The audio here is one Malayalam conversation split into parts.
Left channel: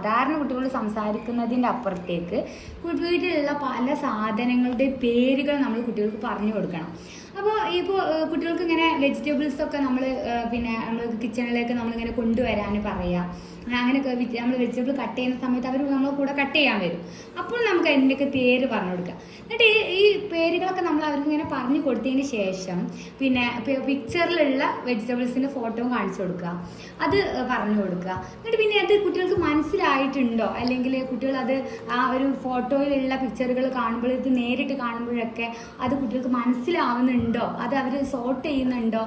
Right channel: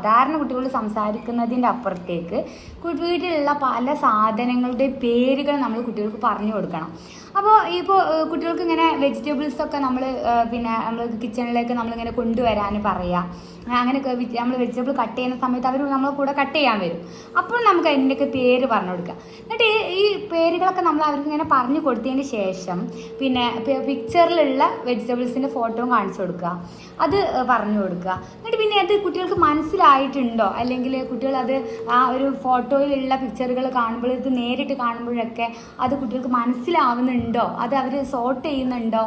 സാധാരണ കുട്ടികൾ സംസാരിക്കുന്നതിൻ്റെ അപ്പുറത്തേക്ക് വീട്ടിലുള്ള പല സാധനങ്ങളുടെ പേരുകൾ നമ്മൾ കുട്ടികൾക്ക് പറഞ്ഞു കൊടുക്കണം. അപ്പോൾ കുട്ടികൾക്ക് ഇങ്ങനെ വെജിറ്റബിൾസൊക്കെ നമ്മൾ നമ്മൾ കിച്ചണിലേക്ക് നമ്മളിങ്ങനെ കൊണ്ടുവരാൻ പറയാം. അങ്ങനെയൊക്കെ നമ്മൾ വെജിറ്റബിൾ കട്ട് ചെയ്യുന്ന സമയത്ത് അവർ നമ്മളെ കൂടെ കട്ട് ചെയ്യാൻ വരും. അപ്പോൾ നമുക്ക് അതിൻ്റെയൊക്കെ പേര് പറഞ്ഞു കൊടുക്കാം. എന്നിട്ട് ഈ പേരുകളൊക്കെ നമ്മൾ അവർക്ക് ഇങ്ങനെ പറഞ്ഞു കൊടുത്തതിന് ശേഷം പിക്ചറിലുള്ള വെജിറ്റബിൾസിൻ്റെ ഫോട്ടോയും കാണിച്ചു കൊടുക്കുക, അത് പറഞ്ഞു കൊടുക്കുക. എന്നിട്ട് അത് കുട്ടികൾക്ക് മനസ്സിലായിട്ടുണ്ടോ, അല്ലെങ്കിൽ കുട്ടികൾ അത് ആ ഒരു ഫോട്ടോയിലുള്ള പിക്ചറുകൾ കാണുമ്പോൾ ഇത് നേരിട്ട് കാണുമ്പോഴൊക്കെ അത് കുട്ടികൾക്ക് മനസ്സിലാവുന്നുണ്ടോ, അത് അവർ സോർട്ട് ചെയ്യുന്നുണ്ടോ,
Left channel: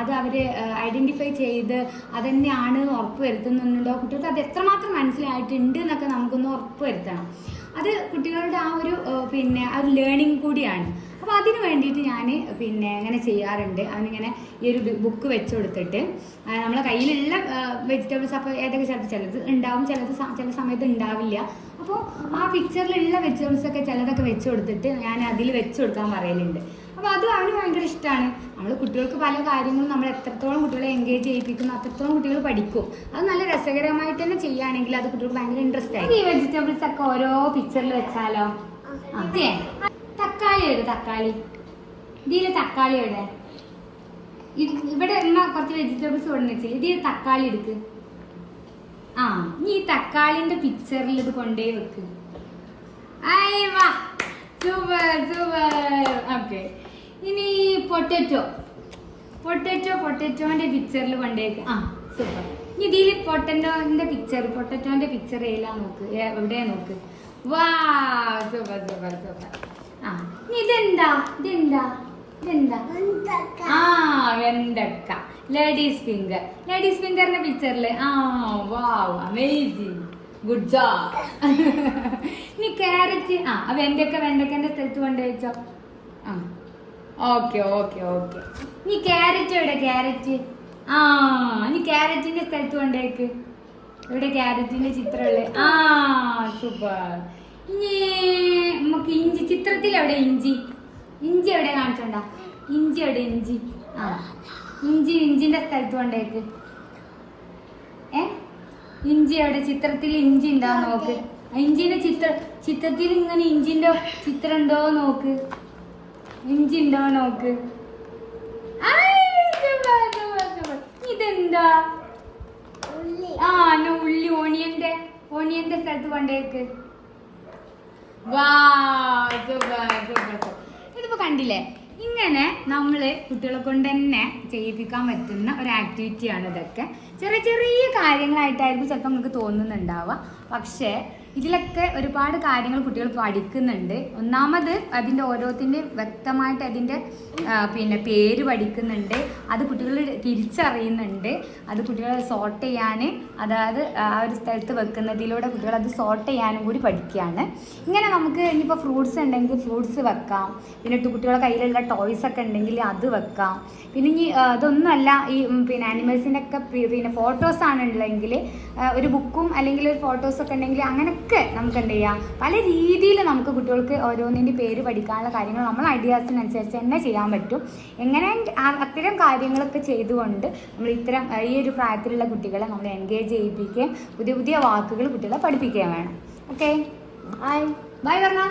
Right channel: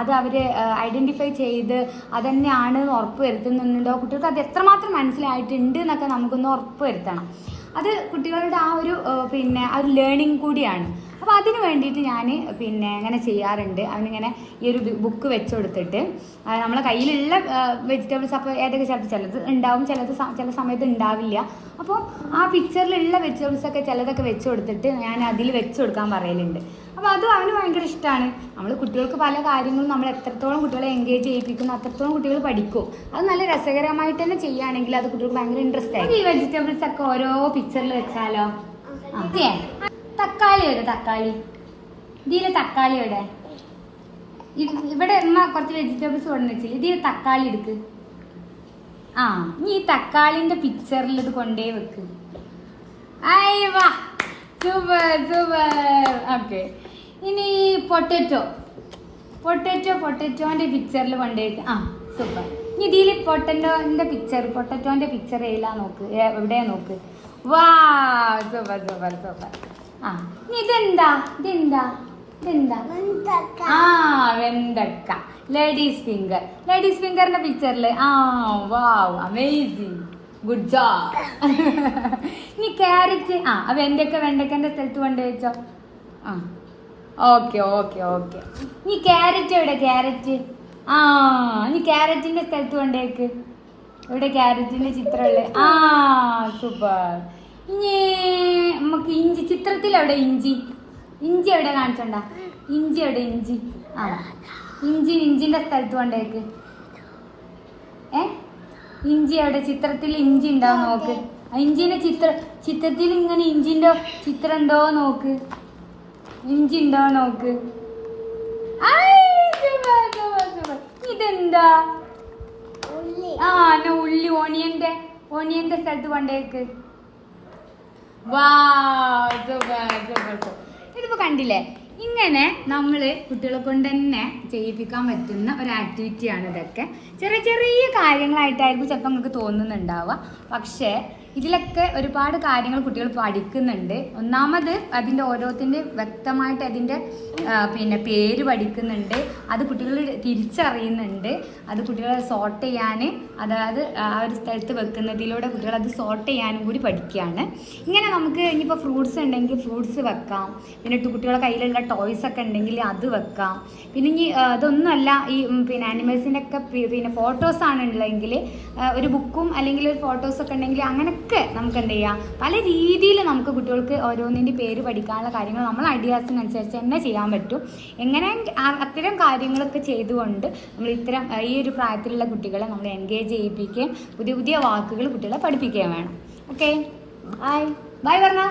അത് അവർ ഐഡൻറ്റിഫൈ ചെയ്ത് അതന്നെയാണ് ഉറപ്പ് വരുത്തുന്നുണ്ടോ, കുട്ടികൾക്ക് അത് എത്രമാത്രം മനസ്സിലായിട്ടുണ്ട് എന്നൊക്കെ നമുക്കൊന്ന് ഉറപ്പ് വരുത്തണം. അത് കുട്ടികളുടെ ആ ഒരു ലേണിംഗ് കൂടിയാണ്. അപ്പോൾ അതിന് വേണ്ടിയിട്ട് ഞാൻ അങ്ങനെ ചെയ്യാറുണ്ട്. അവനിങ്ങനെ ഈ ഒരു ബുക്ക് വെച്ച് കൊടുത്തിട്ട് നമ്മളെ കയ്യിലുള്ള വെജിറ്റബിൾസ് അപ്പോൾ ഏതൊക്കെ ചിലത് ഉണ്ടാവും, ചില സമയത്ത് ഉണ്ടാവില്ല. അപ്പോൾ ആ പിക്ചറിലുള്ള വെജിറ്റബിൾസൊക്കെ ചിലതൊക്കെ വെച്ച് കൊടുത്തിട്ട് ഞാൻ അതിൽ വെച്ച് കൊടുക്കാൻ പറയലുണ്ട്. അപ്പോൾ അതും അവന് ഭയങ്കര ഇഷ്ടമാണ്. നമ്മൾ കുട്ടികൾക്ക് പല കാര്യങ്ങളും നമ്മൾ എത്രത്തോളം കുട്ടികളെ എൻഗേജ് ചെയ്യിപ്പിക്കുന്നു അത്രത്തോളം കുട്ടികൾ പഠിക്കും. അത് നല്ല രസകരമായിട്ട് തന്നെ ചെയ്യുകയാണെങ്കിൽ അത് കുട്ടികൾക്ക് ഭയങ്കര ഇൻട്രസ്റ്റ് ആയി. ഈ വെജിറ്റബിൾസ് ഒക്കെ ഓരോ പിക്ചറിൽ വെച്ചാലോ? അതെ, തക്കാളി എവിടെ? തക്കാളി ഇതിൽ തക്കാളി എവിടെ? ഇവിടെ കുറച്ച് വെജിറ്റബിൾസ് കൊണ്ടു വെച്ചില്ല, ഇതിൽ തക്കാളി എടുക്ക്. നീ ഈ തക്കാളിന്റെ പിക്ചറിൽ ഇത് കൊണ്ടേ വെക്ക്. വാ, സൂപ്പർ സൂപ്പർ. ഓക്കെ, ഇനി പൊട്ടറ്റോന്റെ പിക്ചറിൽ കൊണ്ടേക്ക്. സൂപ്പർ. ഇനി ഇതിൽ പൊട്ടറ്റോന്റെ പിക്ചർ ഏലാ നോക്ക്, എവിടെയാ നോക്ക്. വാ, സൂപ്പർ സൂപ്പർ സൂപ്പർ. ഇനി ഇതെന്താ? വെണ്ടക്ക. ലേഡീസ് ഫിംഗറിന്റെ പിക്ചറിൽ. വാവ്, അമേസിങ്, ഗുഡ് ജോബ്. ഇനി ക്യാരറ്റ്. വെണ്ടക്കന്റെ സ്ഥലത്ത് കൊണ്ടുവച്ചോ. ഓക്കെ. ഇനി ക്യാരറ്റ് എവിടെ? ക്യാരറ്റ്. ഇനി ക്യാരറ്റിന്റെ സ്ഥലത്ത് കൊണ്ടേക്ക്. ഇവിടെ ക്യാരറ്റിന്റെ ചിത്രമുള്ളത്. സൂപ്പർ. ഇനി നമുക്ക് ഇഞ്ചി. ചിത്രത്തിൽ എവിടെ ഇഞ്ചി എവിടെ കാണിച്ചണ്ട? ഇഞ്ചി എവിടെ? ഇഞ്ചിന്റെ സ്ഥലത്ത് കൊണ്ടേക്ക്. ഇഞ്ചി എവിടെ? ചിത്രത്തിൽ ഇഞ്ചി ഉണ്ടാവും നോക്ക്. ഇഞ്ചിന്റെ ചിത്രത്തിൽ ഇങ്ങനെ ഇഞ്ചിന്റെ ചിത്രം ഉണ്ടോ നോക്ക്. ഇഞ്ചി ഉണ്ടോ നോക്ക്. ഇതെന്താ? ഉള്ളി. ഓണിയന്റെ സ്ഥലത്ത് കൊണ്ടേക്ക്. വാ, ഇതിപ്പോ കണ്ടില്ലേ? ഇങ്ങനെ നമ്മൾ കുട്ടികളെ കൊണ്ട് തന്നെ ചെയ്യിപ്പിക്കാൻ പറ്റുന്ന ഒരു ആക്ടിവിറ്റിയാണ് ഇതൊക്കെ. ചെറിയ ചെറിയ കാര്യങ്ങളായിട്ടായിരിക്കും ചിലപ്പോൾ നിങ്ങൾക്ക് തോന്നുന്നുണ്ടാവുക, പക്ഷേ ഇതിലൊക്കെ ഒരുപാട് കാര്യങ്ങൾ കുട്ടികൾ പഠിക്കുന്നുണ്ട്. ഒന്നാമത് അതിൻ്റെ ഓരോത്തിൻ്റെ വ്യക്തമായിട്ട് അതിൻ്റെ പേര് പഠിക്കുന്നുണ്ട്, അത് കുട്ടികൾ തിരിച്ചറിയുന്നുണ്ട്, അത് കുട്ടികളെ സോർട്ട് ചെയ്യാൻ, അതായത് ആ ഒരു സ്ഥലത്ത് വെക്കുന്നതിലൂടെ കുട്ടികൾ അത് സോർട്ട് ചെയ്യാനും കൂടി പഠിക്കുകയാണ്. ഇങ്ങനെ നമുക്ക് ഇനിയിപ്പോൾ ഫ്രൂട്ട്സ് ഉണ്ടെങ്കിൽ ഫ്രൂട്ട്സ് വെക്കാം, കുട്ടികളുടെ കയ്യിലുള്ള ടോയ്സ് ഒക്കെ ഉണ്ടെങ്കിൽ അത് വെക്കാം. ഇനി അതൊന്നുമല്ല, ഈ ആനിമൽസിൻ്റെ ഒക്കെ ഫോട്ടോസാണ് ഉള്ളതെങ്കിൽ ഒരു ബുക്കും അല്ലെങ്കിൽ ഒരു ഫോട്ടോസൊക്കെ ഉണ്ടെങ്കിൽ അങ്ങനെയൊക്കെ നമുക്ക് എന്ത് ചെയ്യാം, പല രീതിയിൽ നമുക്ക് കുട്ടികൾക്ക് ഓരോന്നിൻ്റെ പേര് പഠിക്കാനുള്ള കാര്യങ്ങൾ നമ്മൾ ഐഡിയാസിനനുസരിച്ച് തന്നെ ചെയ്യാൻ പറ്റും. എങ്ങനെ അത്തരം കാര്യങ്ങളൊക്കെ ചെയ്തുകൊണ്ട് നമ്മൾ ഈ ഒരു പ്രായത്തിലുള്ള കുട്ടികളെ നമ്മൾ എൻഗേജ് ചെയ്യിപ്പിക്കുകയും പുതിയ പുതിയ വാക്കുകൾ കുട്ടികളെ പഠിപ്പിക്കുകയും വേണം. ഓക്കെ, ബൈ പറഞ്ഞ.